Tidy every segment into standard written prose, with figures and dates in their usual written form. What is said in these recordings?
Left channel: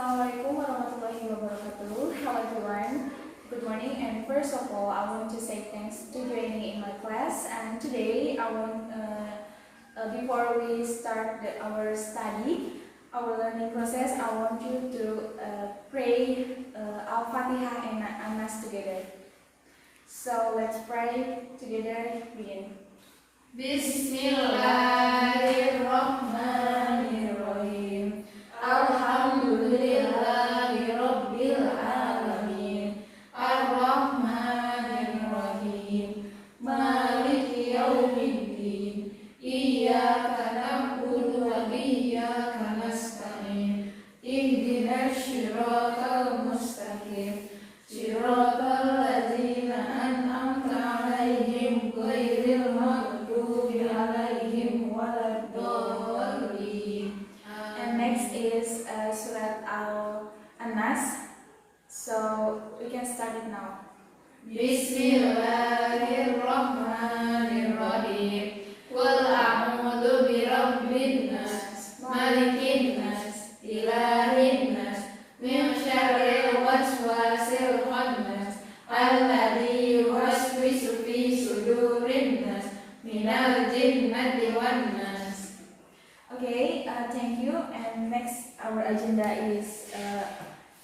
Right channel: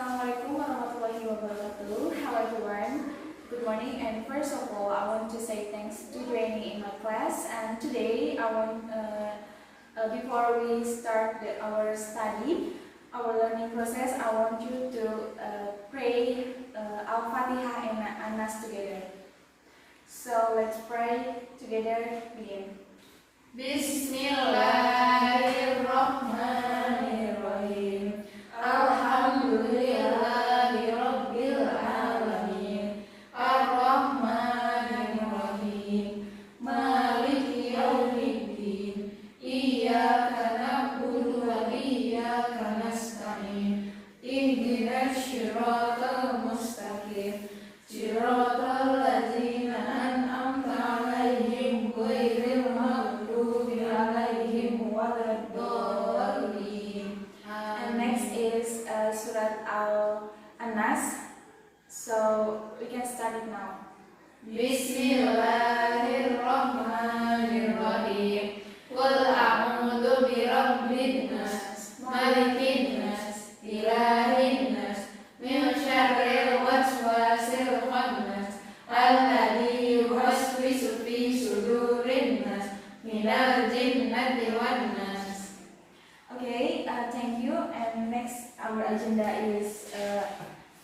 Assalamualaikum warahmatullahi wabarakatuh. Hello everyone. Good morning, and first of all, I want to say thanks to joining in my class. And today, before we start our study, our learning process, I want you to pray Al-Fatihah and An-Nas together. So let's pray together. Begin. Bismillahirrahmanirrahim. Alhamdulillahi Rabbil Alamin. Ar-Rahmanir-Rahim. Maliki Yawmiddin. Iyyaka na'budu wa iyyaka nasta'in. Ihdinas siratal mustaqim. Siratal ladzina an'amta 'alaihim ghairil maghdubi 'alaihim waladdallin. And next is Surat An-Nas. So we can start it now. Bismillahirrahmanirrahim. Qul a'udzu birabbin nas, malikin nas, ilahin nas, min syarril waswasil khannas, alladzi yuwaswisu fi sudurin nas, minal jinnati wan nas. Okay, thank you. And next, our agenda is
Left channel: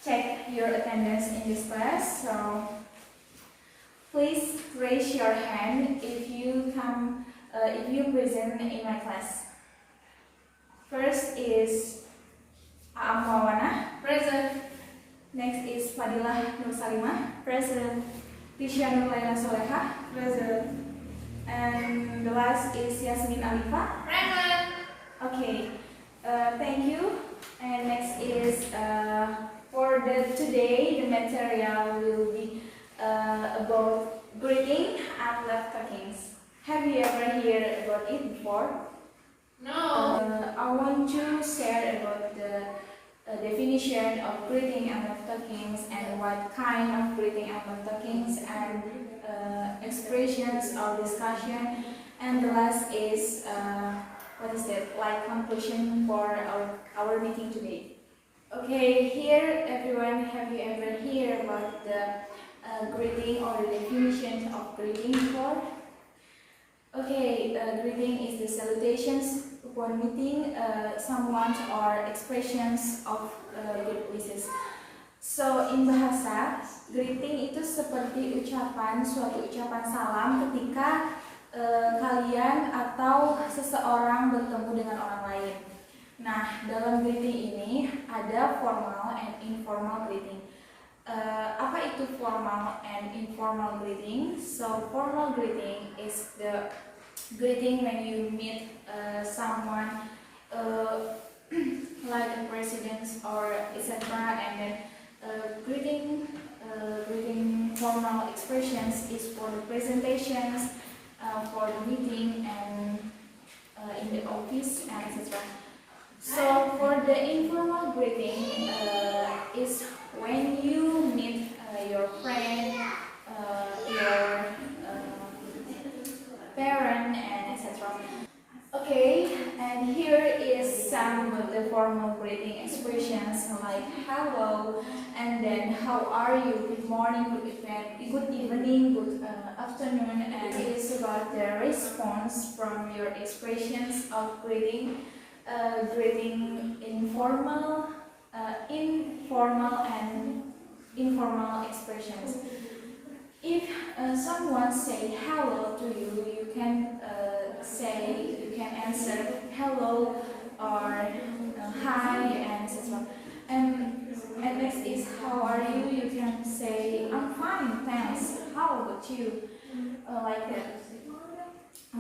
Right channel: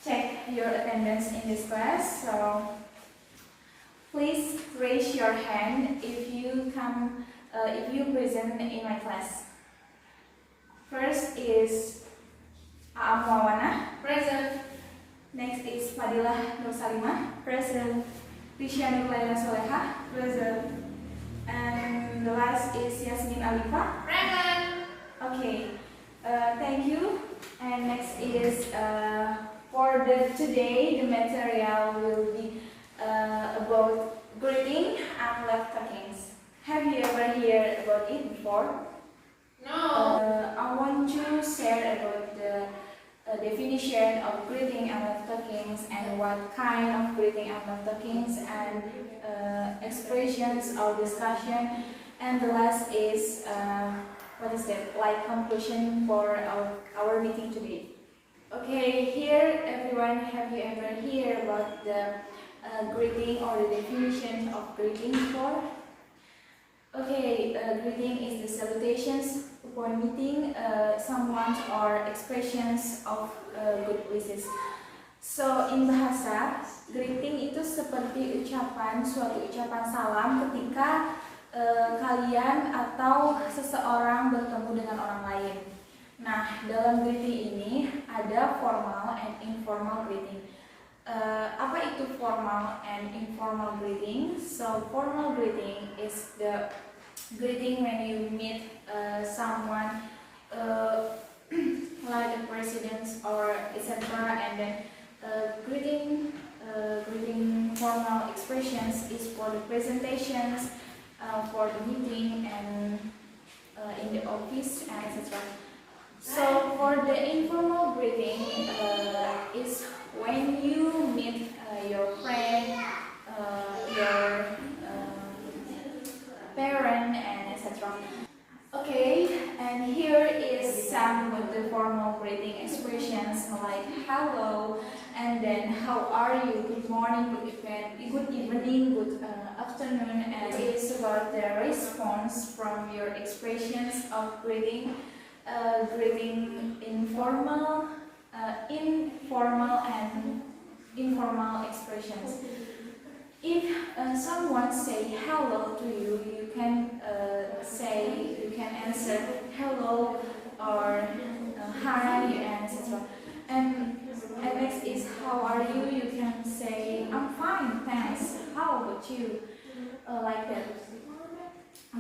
check your attendance in this class. So please raise your hand if you present in my class. First is Aam Mawana, present. Next is Fadilah Nur Salimah, present. Krisya Nurlaina Soleha, present. And the last is Yasmin Alifa, present. Okay, thank you. And next is for today, the material will be about greeting and love talkings. Have you ever heard about it before? No. I want to share about the definition of greeting and love talkings, and what kind of greeting and love talkings, and expressions or discussion. And the last is what is that? Like conclusion for our meeting today. Okay, here everyone, have you ever heard about the greeting or the definition of greeting before? Okay, greeting is the salutations upon meeting someone or expressions of good wishes. So in bahasa, greeting itu seperti suatu ucapan salam ketika kalian atau seseorang bertemu dengan orang lain. Nah, dalam greeting ini ada formal and informal greeting. Apa itu formal and informal greeting? So formal greeting is the greeting when you meet someone like a president or etc. And then greeting formal expressions is for the presentations, for the meeting, and in the office, and etc. So for the informal greeting is when you meet your friend, your parent, and etc. Okay, and here is some of the formal greeting expressions like hello, and then how are you, good morning, good evening, good afternoon, and it is about the response from your expressions of greeting, informal, and informal expressions. If someone say hello to you, you can answer hello or hi, and etc. And next is how are you? You can say I'm fine, thanks. How about you? Like that.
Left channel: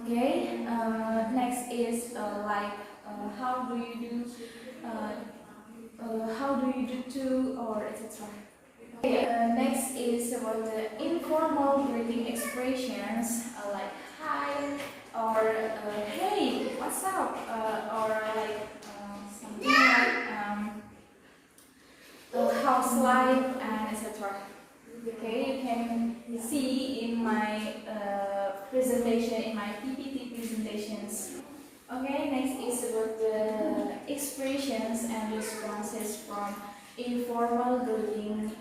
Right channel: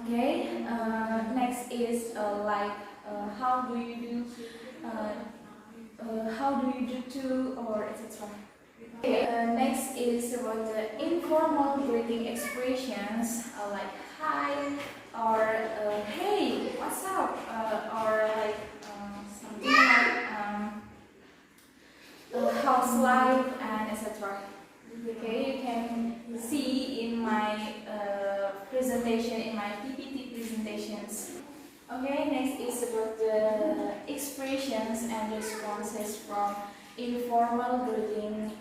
Okay. Next is how do you do? How do you do too, or etc. Okay, next is about the informal greeting expressions like hi or hey, what's up, or like something like how's life, and etc. Okay, you can see in my presentation, in my PPT presentations. Okay, next is about the expressions and responses from informal greeting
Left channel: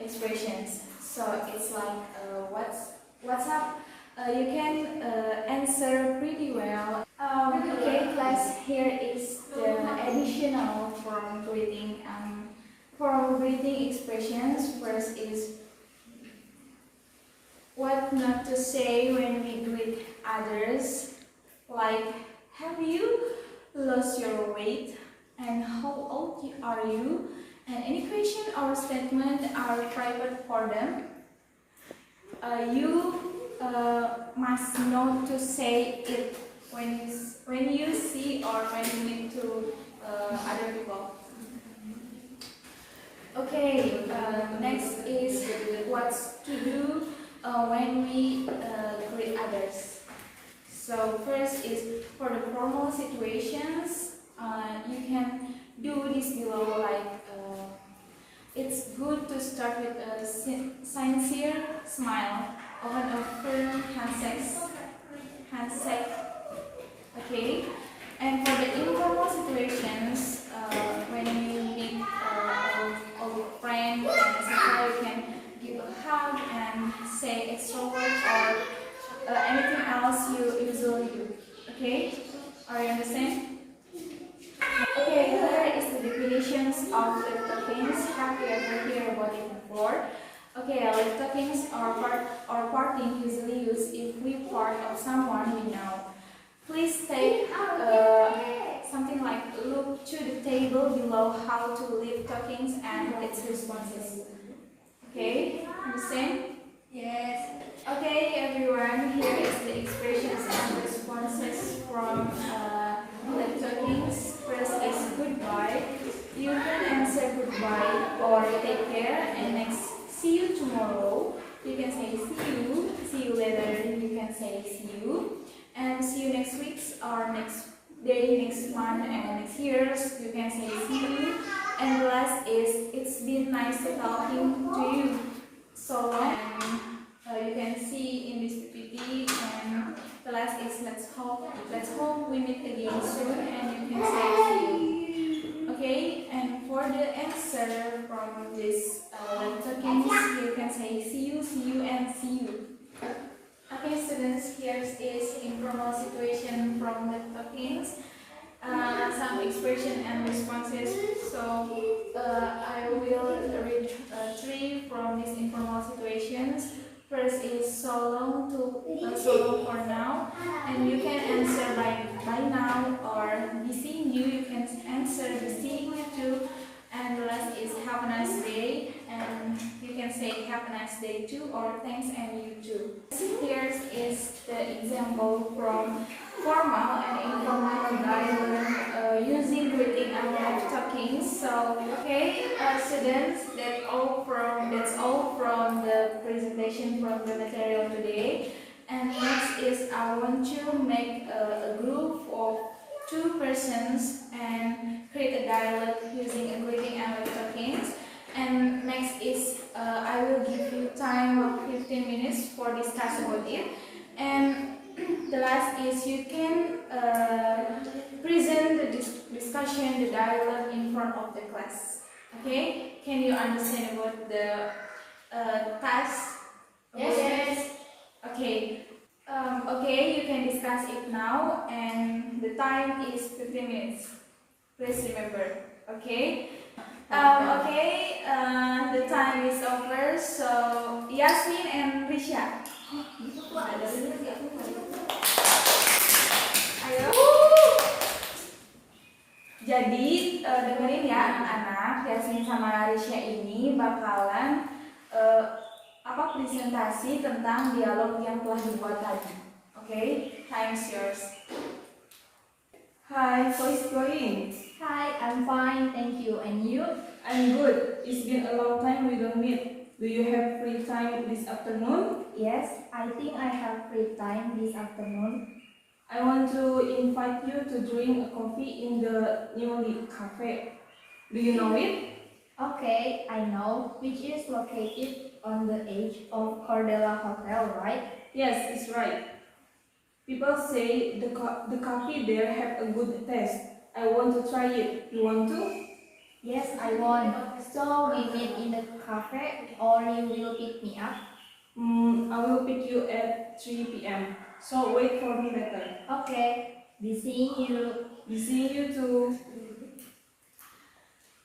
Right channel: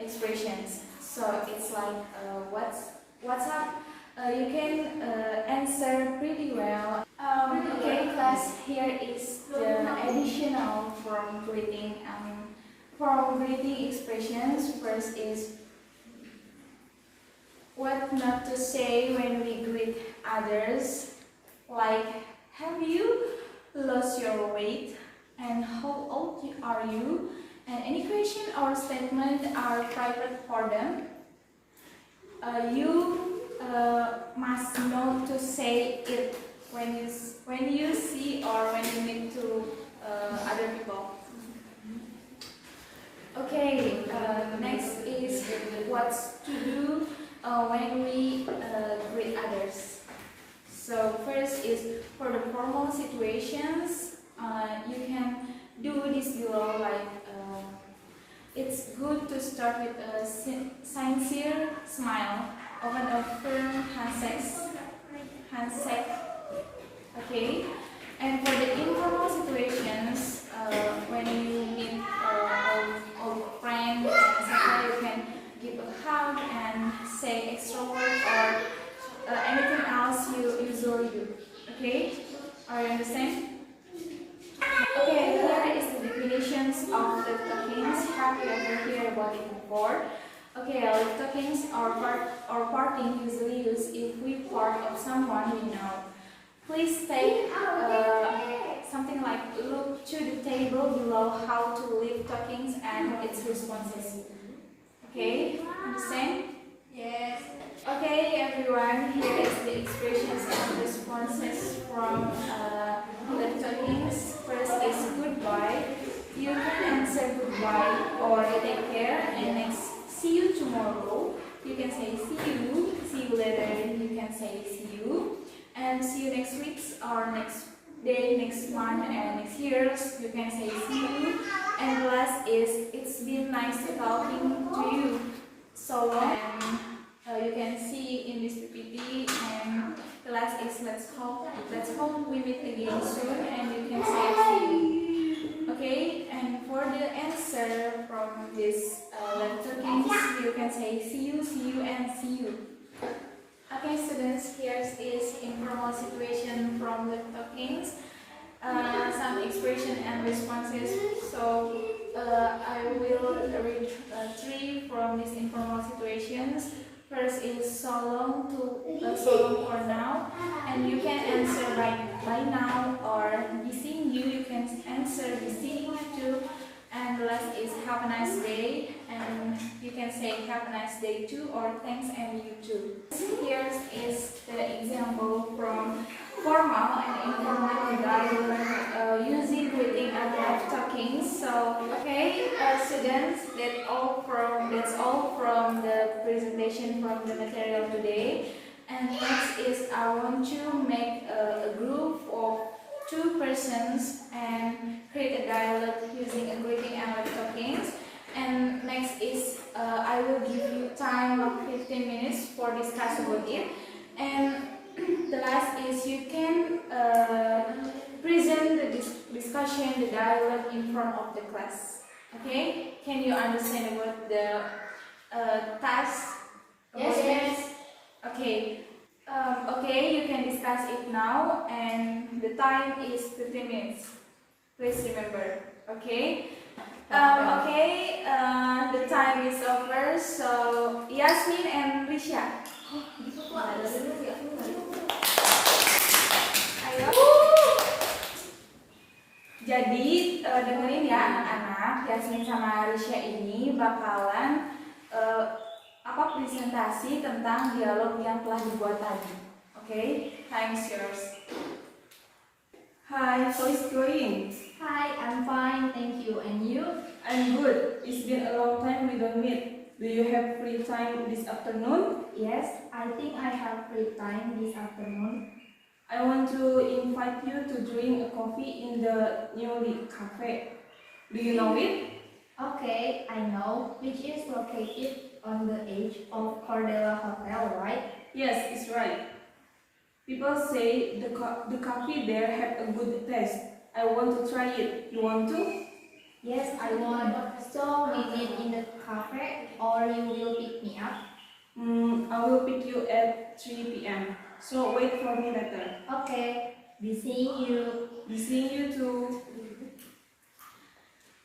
expressions. So it's like what's up? You can answer pretty well. Okay, class. Here is the additional from greeting. From greeting expressions, first is what not to say when we greet others, like have you lost your weight, and how old are you, and any question or statement are private for them. You must know to say it when you see or when you meet to other people. Okay, next is what's to do when we greet others. So first is for the formal situations, you can do this below, like it's good to start with a sincere smile or a firm handshake. Okay, and for the informal situations, when you meet a friend, etc., you can give a hug and say extra words or anything else you usually do. Okay, are you understand? Okay, here is the definitions of lip talkings. Have you ever heard about it before? Okay, lip talkings or parting usually used if we part of someone we know. Please take something like look to the table below how to lip talkings and its responses. Okay, understand? Yes. Okay, everyone, here is the expressions and responses from lip talkings. First is goodbye. You can answer goodbye or take care, and next, see you tomorrow. You can say see you later, you can say see you, and see you next week or next day, next month, and next years. You can say see you. And the last is it's been nice talking to you so long. And you can see in this PPT, and the last is let's hope we meet again soon, and you can say see you. Okay, and for the answer from this talkings, you can say see you, and see you. Okay, students, here is informal situation from the talkings. Some expression and responses. So I will read three from these informal situations. First is so long for now, and you can answer by now or be seeing you. You can answer be seeing you too. And the last is have a nice day, and you can say have a nice day too or thanks and you too. Here is the example from formal and informal dialogue using greeting and lip talking. So okay, students, that's all from the presentation from the material today. And next is I want to make a group of 2 persons and create a dialogue using a greeting and lip talkings. And next is I will give you time of 15 minutes for discuss about it. And the last is you can present the discussion, the dialogue in front of the class. Okay? Can you understand about the task? Yes. Okay. Okay, you can discuss it now, and the time is 15 minutes. Please remember. Okay. Okay. The time is over. So Yasmin and Risha. Ayo. Jadi dengerin ya anak-anak, Yasmin sama Risha ini bakalan presentasi tentang dialog yang telah dibuat tadi. Okay, time's yours. Hi, how is it going? Hi, I'm fine, thank you. And you? I'm good. It's been a long time we don't meet. Do you have free time this afternoon? Yes, I think I have free time this afternoon. I want to invite you to drink a coffee in the newly cafe. Do you know it? Okay, I know, which is located on the edge of Cordella Hotel, right? Yes, it's right. People say the coffee there have a good taste. I want to try it. You want to? Yes, I want. So we meet in the cafe or you will pick me up? I will pick you at 3 p.m. So wait for me later. Okay, be seeing you. Be seeing you too.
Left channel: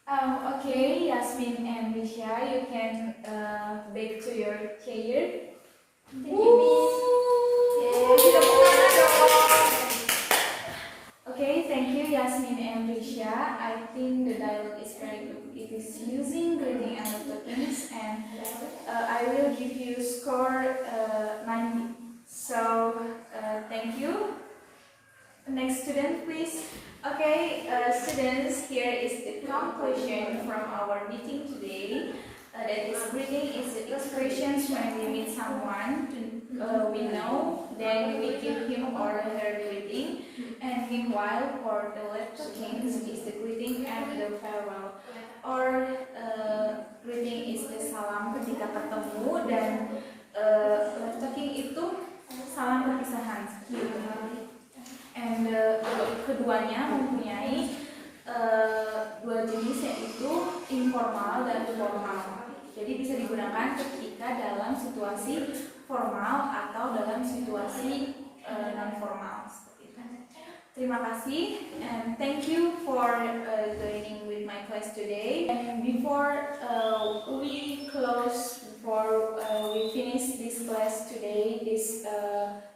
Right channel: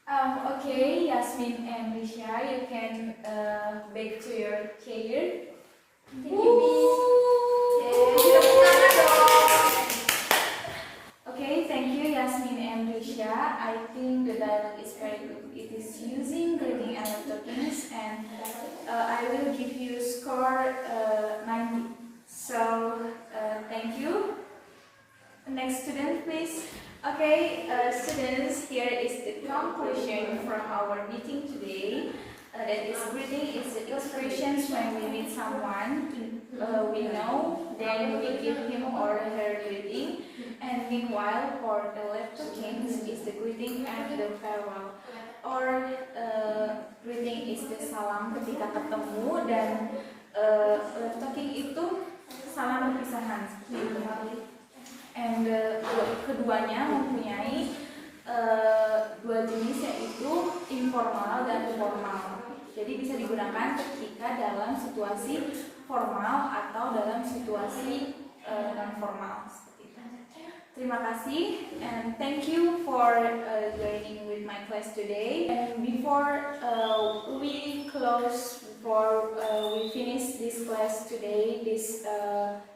Okay, Yasmin and Risha, you can back to your chair. Thank you, Miss. Tepuk tangan dong. Okay, thank you, Yasmin and Risha. I think the dialogue is very good. It is using greeting and tokens, and I will give you score 90. So, thank you. Next student, please. Okay, students, here is the conclusion from our meeting today. That is, greeting is the expressions when we meet someone we know, then we give him or her greeting. And meanwhile, for the left kings is the greeting and the farewell. Or greeting is the salam ketika ketemu, dan left talking itu salam perpisahan. And keduanya mempunyai dua jenis, yaitu informal dan formal. Jadi bisa digunakan ketika dalam situasi formal atau dalam situasi non formal. Terima kasih, and thank you for joining with my class today. And before we close, before we finish this class today, this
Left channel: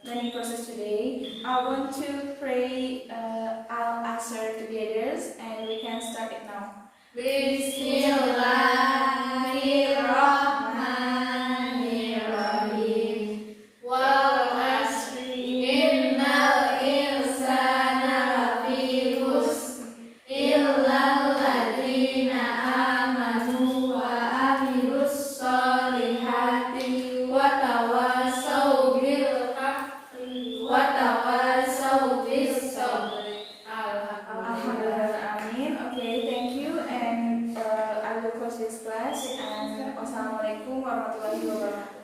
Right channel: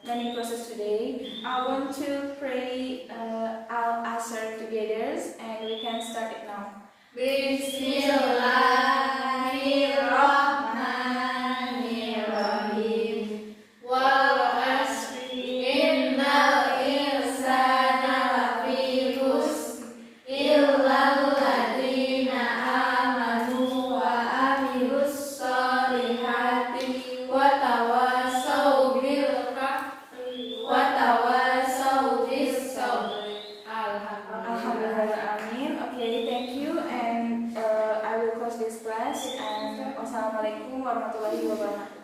learning process today, I want to pray Al-Asr together, and we can start it now. Bismillahirrahmanirrahim. Wal asri innal insana lafi khusr illal ladzina amanu wa amilus solihati wa tawassaw bil haqqi wa tawassaw bis sabr. Alhamdulillah, amin. Okay, thank you, and I will close this class. And wassalamualaikum warahmatullahi wabarakatuh.